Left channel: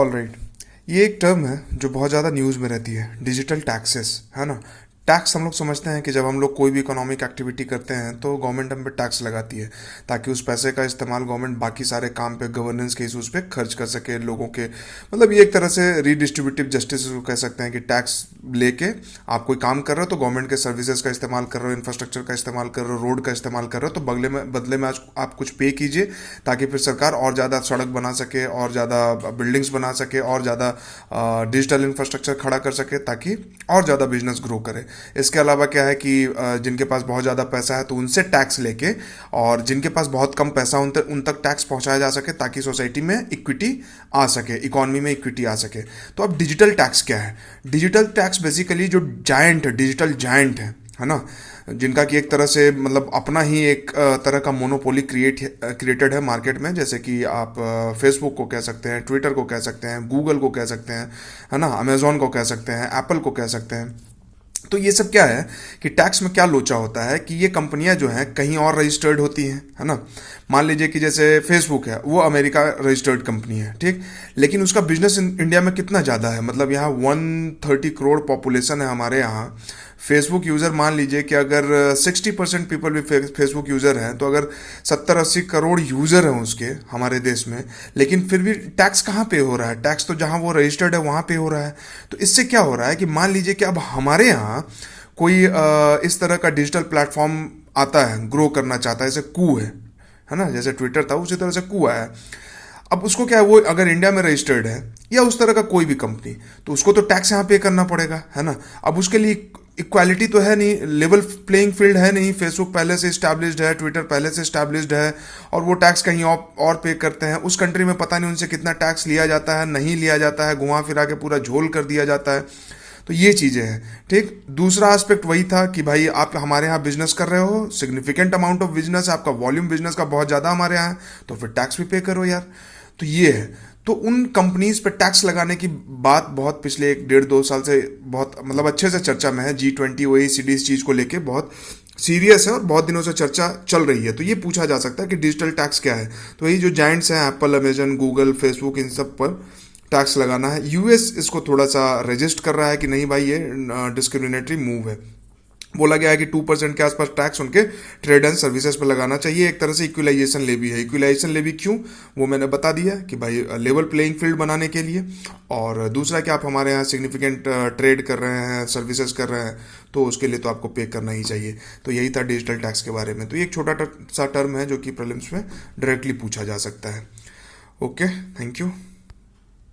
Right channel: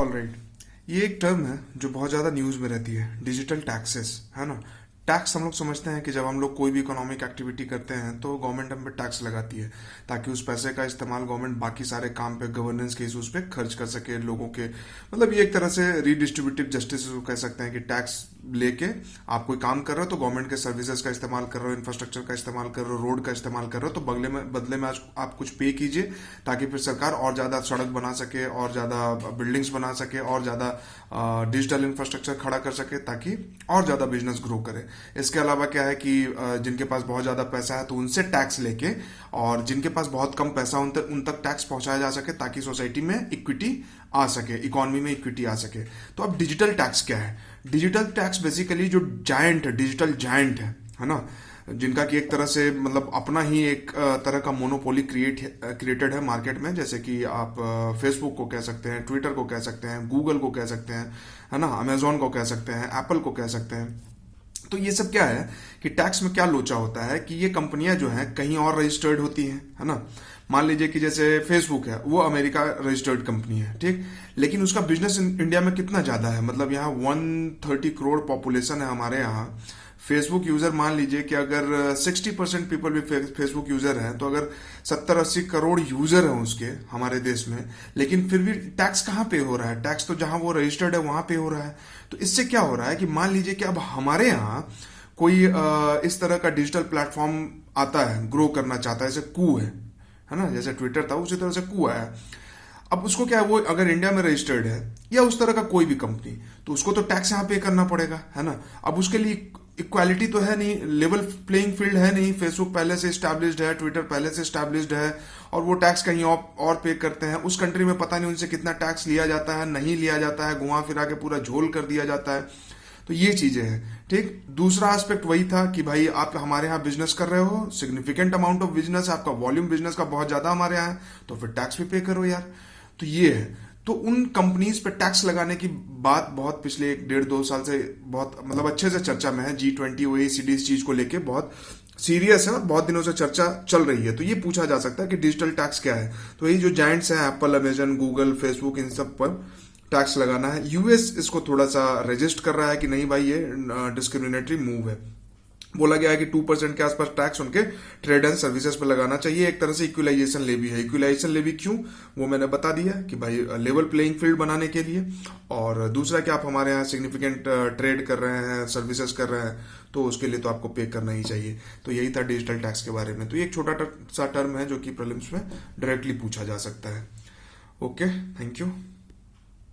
Alright, ये एक term है जो बहुत ज़्यादा न्यूज़ में रहती है, डिजिटल टैक्सेस, है ना। टैक्स हम लोग समझते हैं कि जब हम लोग कोई भी इकोनॉमिक एक्टिविटी करते हैं तो गवर्नमेंट हम पे टैक्स लगाती है, ताकि उस पैसे का इस्तेमाल गवर्नमेंट बाकी सारे काम पे, गवर्नेंस के इशूज़ पे खर्च कर सके लोगों के। मतलब ये एक तरह से रीडिस्ट्रीब्यूटिव जस्टिस को कह सकते हैं कि टैक्स लेके आप कोई काम कर रहे हो तो गवर्नमेंट के सर्विसेज का इस्तेमाल कर रहे हो, इंफ्रास्ट्रक्चर का इस्तेमाल कर रहे हो, रोड का इस्तेमाल कर रहे हो, तो बदले में आज आप कुछ पे कीजिए, ताकि फिर सरकार और ज़्यादा सड़क बना सके, और ज़्यादा बिल्डिंग्स बना सके, और ज़्यादा डिजिटल इंफ्रास्ट्रक्चर खड़ा कर सके, ताकि और ज़्यादा बिजनेस ग्रो करे। इसके अलावा क्या है कि जिनके पास बहुत ज़्यादा पैसा है तो उनसे टैक्स लेके, और जिनके पास बहुत कम पैसा उन तक टैक्स पहुंचाया जा सके, ताकि सोसाइटी में इक्विटी आ सके, इकोनॉमी में इक्विटी आ सके। तो अब डिजिटल टैक्स क्या है? डिजिटल टैक्स बेसिकली जो जायंट है, डिजिटल जायंट है ना, जिनका कि एक तरह से मतलब अपना ही एक तरह का मोनोपोली क्रिएटेड है मार्केट में, जैसे कि आप फेसबुक को कह सकते हैं, ट्विटर को कह सकते हैं, गूगल को कह सकते हैं, है ना, अमेजोन को कह सकते हैं, एप्पल को कह सकते हैं। तो ये सब क्या है कि टैक्स में क्या लोचा होता है कि ये कंपनियां जो हैं कहीं और रजिस्टर्ड होती हैं, है ना। मान लीजिए कि जैसे फेसबुक है, वो अमेरिका रजिस्टर्ड कंपनी है, ठीक, लेकिन उसका बिजनेस इंडिया में कितना ज़्यादा है, मतलब यहाँ 130 करोड़ पॉपुलेशन है हमारे यहाँ। फेसबुक यूज़र मान लीजिए कि अगर 60% पीपल भी फेसबुक यूज़र हैं, तो अगर 70-80 करोड़ यूज़र हैं उसके हमारे देश में, लेकिन फिर भी टैक्स कहाँ पे हो रहा है? टैक्स तो जहाँ वो रजिस्टर्ड है वहाँ पे हो रहा है। तो इससे क्या हो रहा है कि मान लीजिए कि अब हमारे यहाँ कोई इस तरह का डिजिटल प्लेटफॉर्म आता है, ग्रो करना चाहता है, जैसे कू है ना, जैसे ट्विटर था उसी तरह से कू आया। अब उसको क्या है, वो अगर इंडिया में रजिस्टर्ड है या उस तरह का कोई भी कंपनी, तो उसको तो टैक्स यहाँ पे करना पड़ेगा, है ना। अब उसके लिए इक्वालिटी तो है नहीं, लेवल प्लेइंग फील्ड है नहीं। फेसबुक पहले से इस्टेब्लिश्ड है, ट्विटर पहले से इस्टेब्लिश्ड है, और वो टैक्स कहीं और पे करते हैं। उस कंट्री में पता नहीं उनसे कितना टैक्स लिया जाता है, नहीं लिया जाता है, घुमा फिरा के पूरा झोल कर दिया जाता है। तो ये चीज़ें हैं, ठीक। दूसरा एस्पेक्ट वही था कि भाई आप हमारे यहाँ बिजनेस कर रहे हो, सिग्निफिकेंट अमाउंट ऑफ बिजनेस, आपका वॉल्यूम बिजनेस का बहुत ज़्यादा हमारे यहाँ है, तो फिर टैक्स भी पे करो यार। तो ये है। तो उन कंपनीज पे टैक्स लगाने की बात बहुत पिछले 1-1.5-2 साल से बहुत मतलब अच्छे से चर्चा में है। G20 OECD इस चीज़ को लेके बहुत सीरियस है, बहुत दिनों से चर्चा चल रही है। तो ये पूछा जा सकता है कि डिजिटल टैक्स क्या है। तो यही जो जायंट्स हैं, एप्पल, अमेजन, गूगल, फेसबुक, इन सब पर टैक्स लगाना है। यूएस इसको थोड़ा सा रजिस्ट कर रहा है कि नहीं भाई, ये डिस्क्रिमिनेटरी मूव है। बोला गया है कि 2% के आसपास टैक्स उनके ट्रेड एंड सर्विसेज पर लगाना चाहिए। एक तरह से इक्विलाइजेशन लेवी है। इक्विलाइजेशन लेवी क्यों, वो मैंने बता दिया कि भाई लेवल प्लेइंग फील्ड बनाने के लिए, और दूसरा कि आप हमारे यहाँ सिग्निफिकेंट ट्रेड कर रहे हैं, सर्विसेज कर रहे हैं, तो उसके लिए तो आपको पे करना ही चाहिए। तो यही था डिजिटल टैक्स के बारे में। तो ये एक छोटा सा टर्म है जो कि प्रीलिम्स में डायरेक्टली पूछा जा सकता है। Okay, thank you.